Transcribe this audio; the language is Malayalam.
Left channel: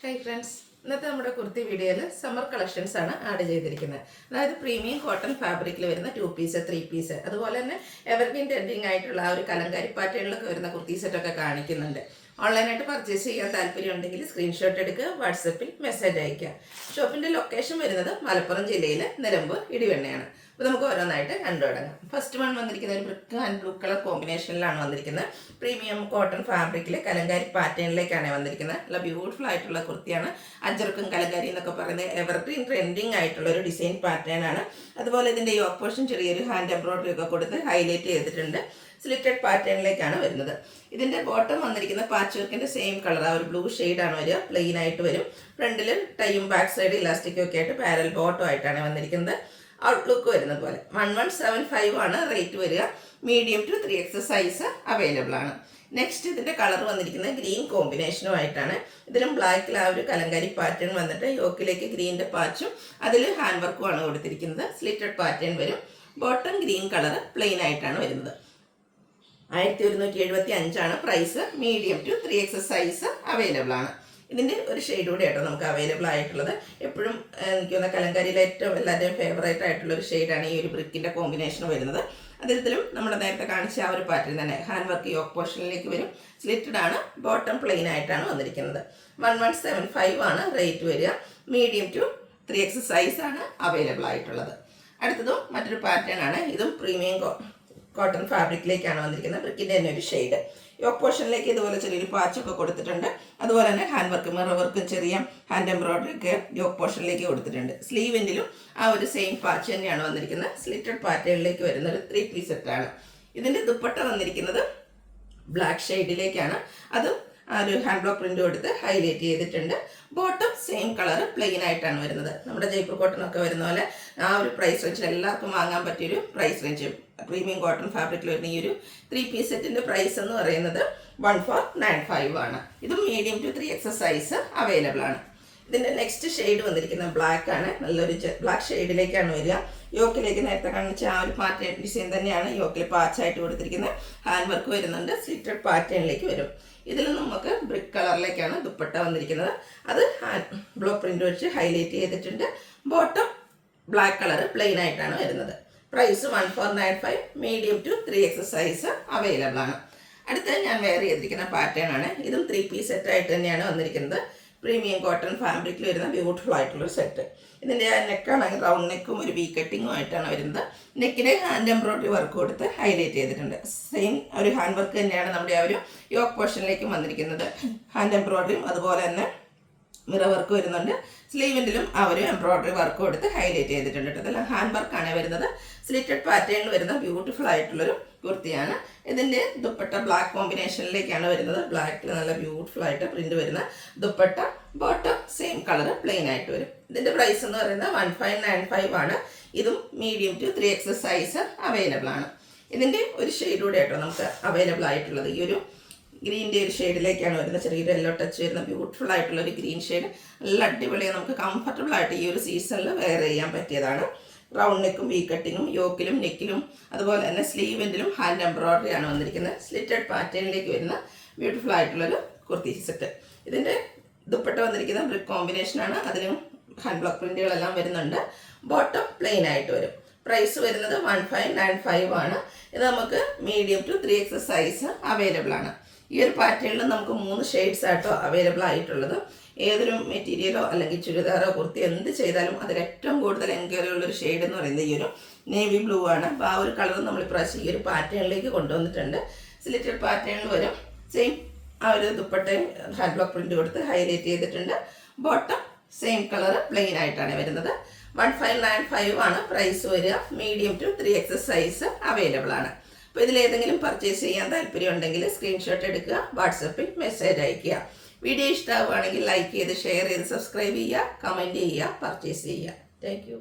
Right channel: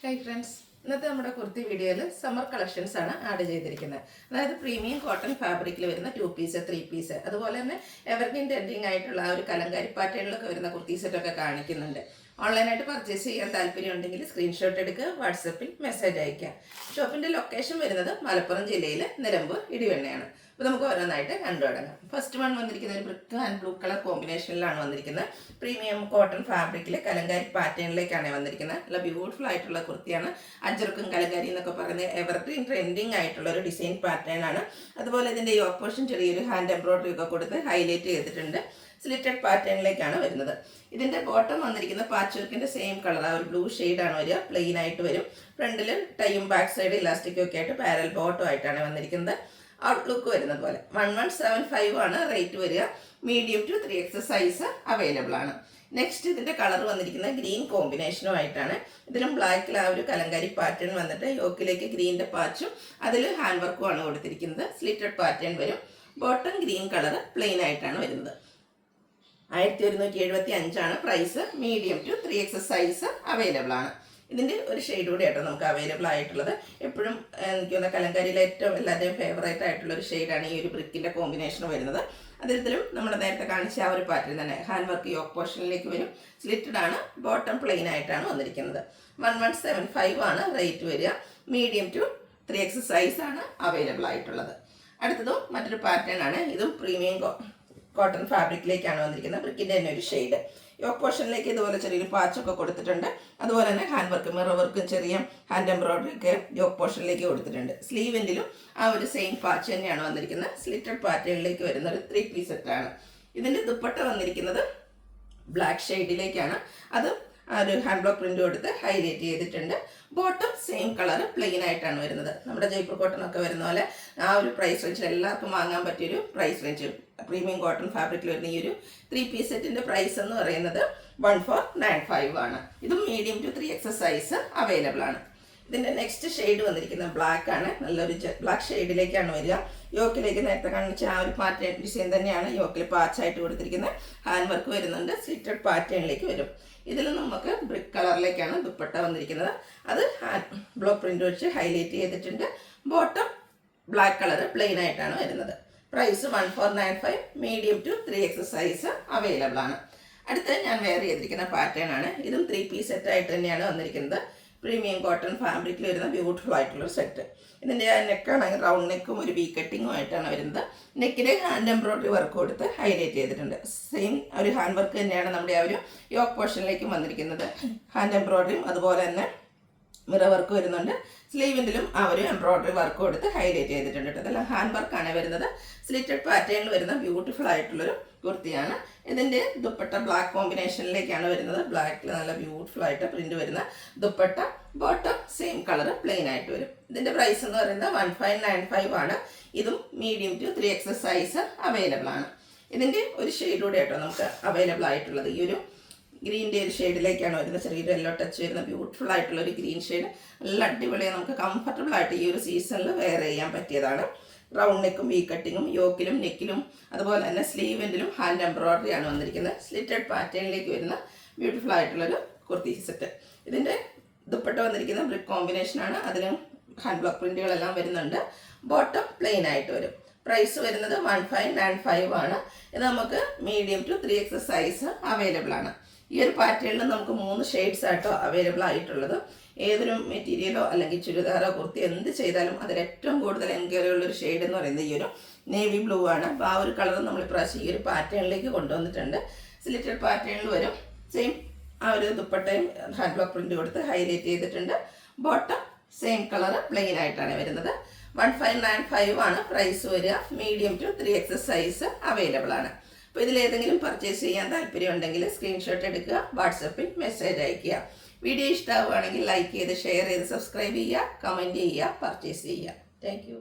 ഹായ് ഫ്രണ്ട്സ്, ഇന്നത്തെ നമ്മുടെ കുർത്തി വീഡിയോയിൽ സമ്മർ കളക്ഷൻസ് ആണ് ആഡ് ചെയ്തിരിക്കുന്നത്. അതായത് പ്രീമിയം കോട്ടൺ ഫാബ്രിക്കിൽ വരുന്ന 2 പീസ് 3 പീസ് അതുപോലെ തന്നെ എവർഗ്രീൻ ട്രെൻഡിങ് ആയിട്ടുള്ള ഒരു കലങ്കാരി പാറ്റേണിലൊക്കെ വരുന്ന കുർത്തി സെറ്റൊക്കെ കാണിക്കുന്നുണ്ട്. ഓൺലൈനായിട്ട് പർച്ചേസ് ചെയ്യാൻ താല്പര്യം ഉണ്ടെങ്കിൽ സ്ക്രീൻഷോട്ട് എടുക്കുക, വാട്സപ്പിൽ മെസ്സേജ് അയക്കുക. ഷോപ്പിൻ്റെ ലൊക്കേഷൻ വരുന്നത് മലപ്പുറം ജില്ലയിലെ നിലമ്പൂർ ഇടിവണ്ണയാണ്. അപ്പോൾ നമുക്ക് ഓരോന്നായിട്ട് കണ്ടു തുടങ്ങാം. ഫസ്റ്റ് വൺ വന്നിരിക്കുന്ന ഒരു ബ്രിക്ക് ആൻഡ് ബ്ലൂ കളർ കോമ്പിനേഷനിലാണ് വന്നിരിക്കുന്നത്. പ്രീമിയം കോട്ടൺ ഫാബ്രിക്കിൽ കലങ്കാരി പാറ്റേണിലേക്കാണ് വന്നിരിക്കുന്നത്. നല്ല ബ്യൂട്ടിഫുൾ ആയിട്ടുള്ള കുർത്തിയാണ്. അജർക്കും കലങ്കാരി എന്നൊക്കെ പറയുന്നത് എവർഗ്രീൻ ട്രെൻഡിങ് ആയിട്ടുള്ള ഒരു ഡിസൈൻ പാറ്റേൺ ആണ്. അതുപോലെ ഇതിൻ്റെ യോക്ക് പോർഷൻ ചെറിയൊരു ഹാൻഡ് എംബ്രോയിഡറി ഒക്കെ കൊടുത്ത് ഹൈലൈറ്റ് ചെയ്തിട്ടുണ്ട്. സ്ലിറ്റഡ് പാറ്റേണിലേക്കാണ് വരുന്നത്. ഇതിൻ്റെ ബോട്ടം വന്നിരിക്കുന്ന പാച്ച് വർക്കിൻ്റെ സെയിം കളർ, ആ ഒരു ബ്ലൂ ഷെയ്ഡാണ് വരിക. പ്ലെയിൻ ആയിട്ട് വരും. ഫ്രണ്ടിൽ ടൈയും ബാക്ക് സൈഡ് ഇലാസ്റ്റിക്കും ഒക്കെ ആയിട്ട് പാരൽ ബോട്ടം ആയിട്ടാണ് വന്നിരിക്കുന്നത്. ഔട്ട്ലുക്ക് വരുന്നത് പോലെ 1175 ആണ് റേറ്റ് വരിക. Medium to 3X size available ആണ്. നെക്സ്റ്റ് ഇതിൻ്റെ കളർ വന്നിരിക്കുന്നത് ഗ്രീൻ കോമ്പിനേഷനുമായിട്ടാണ്. ഇതിലും ബ്ലാക്കിൽ ആ ഒരു കലങ്കാരി പാറ്റേൺ വന്നിട്ട് യോക്കിലേക്ക് ഗ്രീനിൻ്റെ പാച്ചും അതിൽ ഹാൻഡ് വർക്കും ആണ് കൊടുത്തിരിക്കുന്നത്. സ്ലിറ്റഡ് പാറ്റേൺ വരും. ബോട്ടം ഗ്രീൻ കളർ പ്ലെയിൻ ആയിട്ടാണ് വരുന്നത്. 1175 ആണ് price. Medium to 3X size available ആണ്. ഇതിൻ്റെ ഒരു ഷെയ്ഡ് കൂടെ ആട്ടോ നമുക്ക് അവൈലബിൾ ആയിട്ടുള്ളത്. എപ്പോഴും എനിക്ക് തോന്നുന്ന കലങ്കാരിയിലെ ഏറ്റവും എല്ലാവരുടെയും ഫേവറേറ്റ് ആയിട്ടുള്ള ഒരു ഷെയ്ഡാണ് ഈ ഒരു ബ്രിക്കിൻ്റെ കോമ്പിനേഷൻ വരുന്നത്. അതിലും നമ്മുടെ നേരത്തെ കാണിച്ച ആ ഒരു പാറ്റേൺ തന്നെ ഹാൻഡ് വർക്ക് യോക്ക് പോർഷനിലേക്ക് വരും. സ്ലിറ്റഡ് ആണ്. ബോട്ടം പ്ലെയിൻ ആയിട്ടാണ് വന്നിരിക്കുന്നത്. 1175 ആണ് റേറ്റ് വരിക. മീഡിയം ടു 3X സൈസ് ആണ് അവൈലബിൾ ആയിട്ടുള്ളത്. അടുത്തതും മറ്റൊരു പാറ്റേൺ ആണ്. ഇതും പ്രീമിയം കോട്ടൺ ഫാബ്രിക്കിലേക്കാണ് വന്നിരിക്കുന്നത്. ബ്രിക്കിൻ്റെ തന്നെ ഒരു ഷെയ്ഡ്. യോക്ക് പോർഷനിലേക്ക് ഇതുപോലെ ചെറിയൊരു പാച്ചൊക്കെ കൊടുത്തിട്ടുണ്ട്. അതുപോലെ തന്നെ ഹാൻഡ് വർക്ക്, മിറർ വർക്കും ചെറിയ ഹാൻഡ് എംബ്രോയിഡറി ഒക്കെ യോക്ക് പോർഷനിലേക്ക് കൊടുത്തിട്ടുണ്ട്. സ്ലീവിൻ്റിലും ആ ഒരു സെയിം പാച്ച് തന്നെയാണ് വന്നിരിക്കുന്നത്. സ്ലിറ്റഡ് പാറ്റേണിലേക്ക് വരുന്ന ഒരു 3 പീസ് സെറ്റാണ്. ഇതിൻ്റെ ദുപ്പട്ട വന്നിരിക്കുന്നത് ബ്ലാക്ക് ഷെയ്ഡിലേക്കാണ്. അത് ആ ഒരു ഹാൻഡ് ബ്ലോക്ക് പ്രിൻ്റ് കൊടുത്ത് ഹൈലൈറ്റ് ചെയ്തിട്ടുണ്ട്. ബോട്ടം സെയിം കളർ പ്ലെയിൻ ആയിട്ടാണ് വരുന്നത്. നമ്മുടെ ജയ്പൂർ കോട്ടൺ ഒക്കെ വരുന്ന പോലെ ആ ഒരു പ്രൈസ് റേഞ്ചിൽ എല്ലാവർക്കും വാങ്ങാൻ പറ്റിയൊരു പ്രൈസ് റേഞ്ച്. പ്രീമിയം കോട്ടൺ ഫാബ്രിക്കിൽ വരുന്ന ഈ ഒരു 3 പീസ് സെറ്റിൻ്റെ പ്രൈസ് എന്ന് പറയുന്നത് 1495 ആണ്. ഇതും medium to 3X size available ആണ്. ഇതിൻ്റെ നെക്സ്റ്റ് ഷെയ്ഡ് വന്നിരിക്കുന്നത് ബ്ലാക്ക് ആണ്. നല്ലൊരു ബ്ലാക്ക് ഷെയ്ഡിലേക്കാണ് വരിക. യോക്കിലേക്ക് നേരത്തെ കാണിച്ച ആ ഒരു പാറ്റേൺ ഡിസൈൻ തന്നെയാണ് യോക്കിൽ പാച്ചായിട്ട് കൊടുത്തിരിക്കുന്നത്. ഹാൻഡ് വർക്ക് വരുന്നുണ്ട്. സ്ലിറ്റഡ് പാറ്റേണിലേക്ക് വരും. ഇതിൽ നമുക്ക് ബ്രിക്ക് കളറിലേക്കാണ് ദുപ്പട്ട വന്നിരിക്കുന്നത്. അത് ബ്ലോക്ക് പ്രിൻ്റ് വെച്ച് ഹൈലൈറ്റ് ചെയ്തിട്ടുണ്ട്. ബോട്ടം ബ്ലാക്ക് കളർ പ്ലെയിൻ ആയിട്ടാണ് വരുന്നത്. Price 1495. Medium to 3X size available ആണ്. അടുത്ത ഞാൻ വെയർ ചെയ്തിരിക്കുന്ന പാറ്റേൺ ആണ്. ഇതും 3 പീസ് സെറ്റായിട്ട് തന്നെയാണ് വന്നിരിക്കുന്നത്. പ്രീമിയം കോട്ടൺ ഫാബ്രിക്കിൽ വരുന്ന ബ്യൂട്ടിഫുൾ ആയിട്ടുള്ളൊരു സെറ്റ്. ഇതിൻ്റെ നെക്കാണെങ്കിൽ റൗണ്ട് നെക്കും ഒരു വി കട്ടിങ്ങും ആയിട്ടാണ് വരുന്നത്. നെക്കിന് ഹാൻഡ് എംബ്രോയിഡറി വർക്ക് കൊടുത്ത് ഹൈലൈറ്റ് ചെയ്തിട്ടുണ്ട്. സെയിം ഒരു ഹാൻഡ് വർക്ക് തന്നെയാണ് നമ്മുടെ ആ ഒരു യോക്ക് പോർഷനിലേക്കും വന്നിരിക്കുന്നത്. ഹാൻഡ് എംബ്രോയിഡറിയും അതുപോലെ തന്നെ മിറർ വർക്ക് വരുന്നുണ്ട്. സ്ലീവിൻ്റിലും ആ ഒരു എംബ്രോയിഡറി വർക്ക് കൊടുത്ത് ഹൈലൈറ്റ് ചെയ്തിട്ടുണ്ട്. ഇതെല്ലാം ഹാൻഡ് വർക്കാണ് വരുന്നത്. സ്ലിറ്റഡ് പാറ്റേണിൽ വരുന്ന ബ്യൂട്ടിഫുൾ ആയിട്ടുള്ളൊരു കുർത്തിയാണ്. ഇതിൻ്റെ ദുപ്പട്ട ബ്ലാക്ക് കോമ്പിനേഷനിലേക്കാണ് വരുന്നത്. ബ്ലാക്കിൽ നല്ല ബ്യൂട്ടിഫുൾ ആയിട്ട് പ്രിന്റ് വരുന്ന dupatta. Bottom same colour plain ആയിട്ട് വരും. ഇതിൻ്റെ പ്രൈസ് എന്ന് പറയുന്നത് 1595 ആണ്. ഇതും medium to 3X size available ആണ്. ഇതിൻ്റെ ഒരു ഷെയ്ഡ് കൂടെ ആയിട്ടോ നമുക്ക് അവൈലബിൾ ആയിട്ടുള്ളത്. ഈ ഒരു ഗ്രീൻ്റെ ഒരു ഷെയ്ഡിലേക്കാണ് വരുന്നത്. ചെറിയൊരു യെല്ലോ ടച്ച് വരുന്ന ബ്യൂട്ടിഫുൾ ആയിട്ടുള്ള ഒരു ഗ്രീൻ ഷെയ്ഡ്. നല്ല അടിപൊളിയാണ്. നമുക്ക് കംഫർട്ടബിൾ ആയിട്ട് ഈ ഒരു സീസണിൽ വെയർ ചെയ്യാൻ പറ്റിയതാണ്. റൗണ്ട് നെക്കും വി കട്ടിങ്ങും യോക്കിലും നെക്കിലും അതുപോലെ തന്നെ സ്ലീവിൻ്റിലും ഹാൻഡ് എംബ്രോയിഡറി ആണ് വന്നിരിക്കുന്നത്. സ്ലിറ്റഡ് പാറ്റേണിലേക്ക് വരുന്ന ബ്യൂട്ടിഫുൾ ആയിട്ടുള്ളൊരു കുർത്തി സെറ്റ്. ഇതിൻ്റെ ദുപ്പട്ട വന്നിരിക്കുന്ന ബ്രിക്ക് കോമ്പിനേഷനാണ്. അതിലും ഹാൻഡ് ബ്ലോക്ക് പ്രിൻറ്റുകളെല്ലാം വരുന്നുണ്ട്. ബോട്ടം പ്ലെയിൻ ആയിട്ട് വരും. പ്രൈസ് വരുന്നത് 1595 ആണ്. ഇത് നമുക്ക് medium to 3X size available ആണ്. ഈ ഒരു പാറ്റേണിൽ നമുക്ക് 3 ഷെയ്ഡ്സ് ആയിട്ടോ അവൈലബിൾ ആയിട്ടുള്ളത്. ഏതൊരു മെറ്റീരിയലോ അല്ലെങ്കിൽ ചുരിദാറോ കുർത്തി എന്ത് ചെയ്താലും അതിൽ ഏറ്റവും കൂടുതൽ എൻക്വയറി ഉള്ളൊരു ഷെയ്ഡ് എന്ന് പറയുന്നത് ഈ ഒരു നേവി ബ്ലൂ ആണ്. അപ്പോൾ ആ ഒരു കളർ നമ്മൾ ഇപ്രാവശ്യം ഈ ഒരു പാറ്റേണിലേക്ക് കൊണ്ടുവന്നിട്ടുണ്ട്. സിലിറ്റഡ് പാറ്റേണിൽ വരും. സെയിം ആ ഒരു ദുപ്പട്ടയും ഹാൻഡ് ബ്ലോക്ക് പ്രിന്റ് കൊടുത്ത് ഹൈലൈറ്റ് ചെയ്തിട്ടുണ്ട്. ബോട്ടം സെയിം കളർ പ്ലെയിൻ ആയിട്ടാണ് വരുന്നത്. 1595 ആണ് പ്രൈസ് വരിക. Medium to 3X size available ആണ്. അപ്പോൾ ഇതിലേതെങ്കിലും പർച്ചേസ് ചെയ്യാൻ താല്പര്യം ഉണ്ടെങ്കിൽ സ്ക്രീൻഷോട്ട് എടുക്കുക, വാട്സപ്പിൽ മെസ്സേജ് അയയ്ക്കുക. വീഡിയോ ഇഷ്ടമാവുകയാണെങ്കിൽ ലൈക്ക് ചെയ്ത് ഷെയർ ചെയ്ത് സബ്സ്ക്രൈബ് ചെയ്യുക, കമൻറ്റ് ചെയ്യുക, പർച്ചേസ് ചെയ്യുക. Thank you.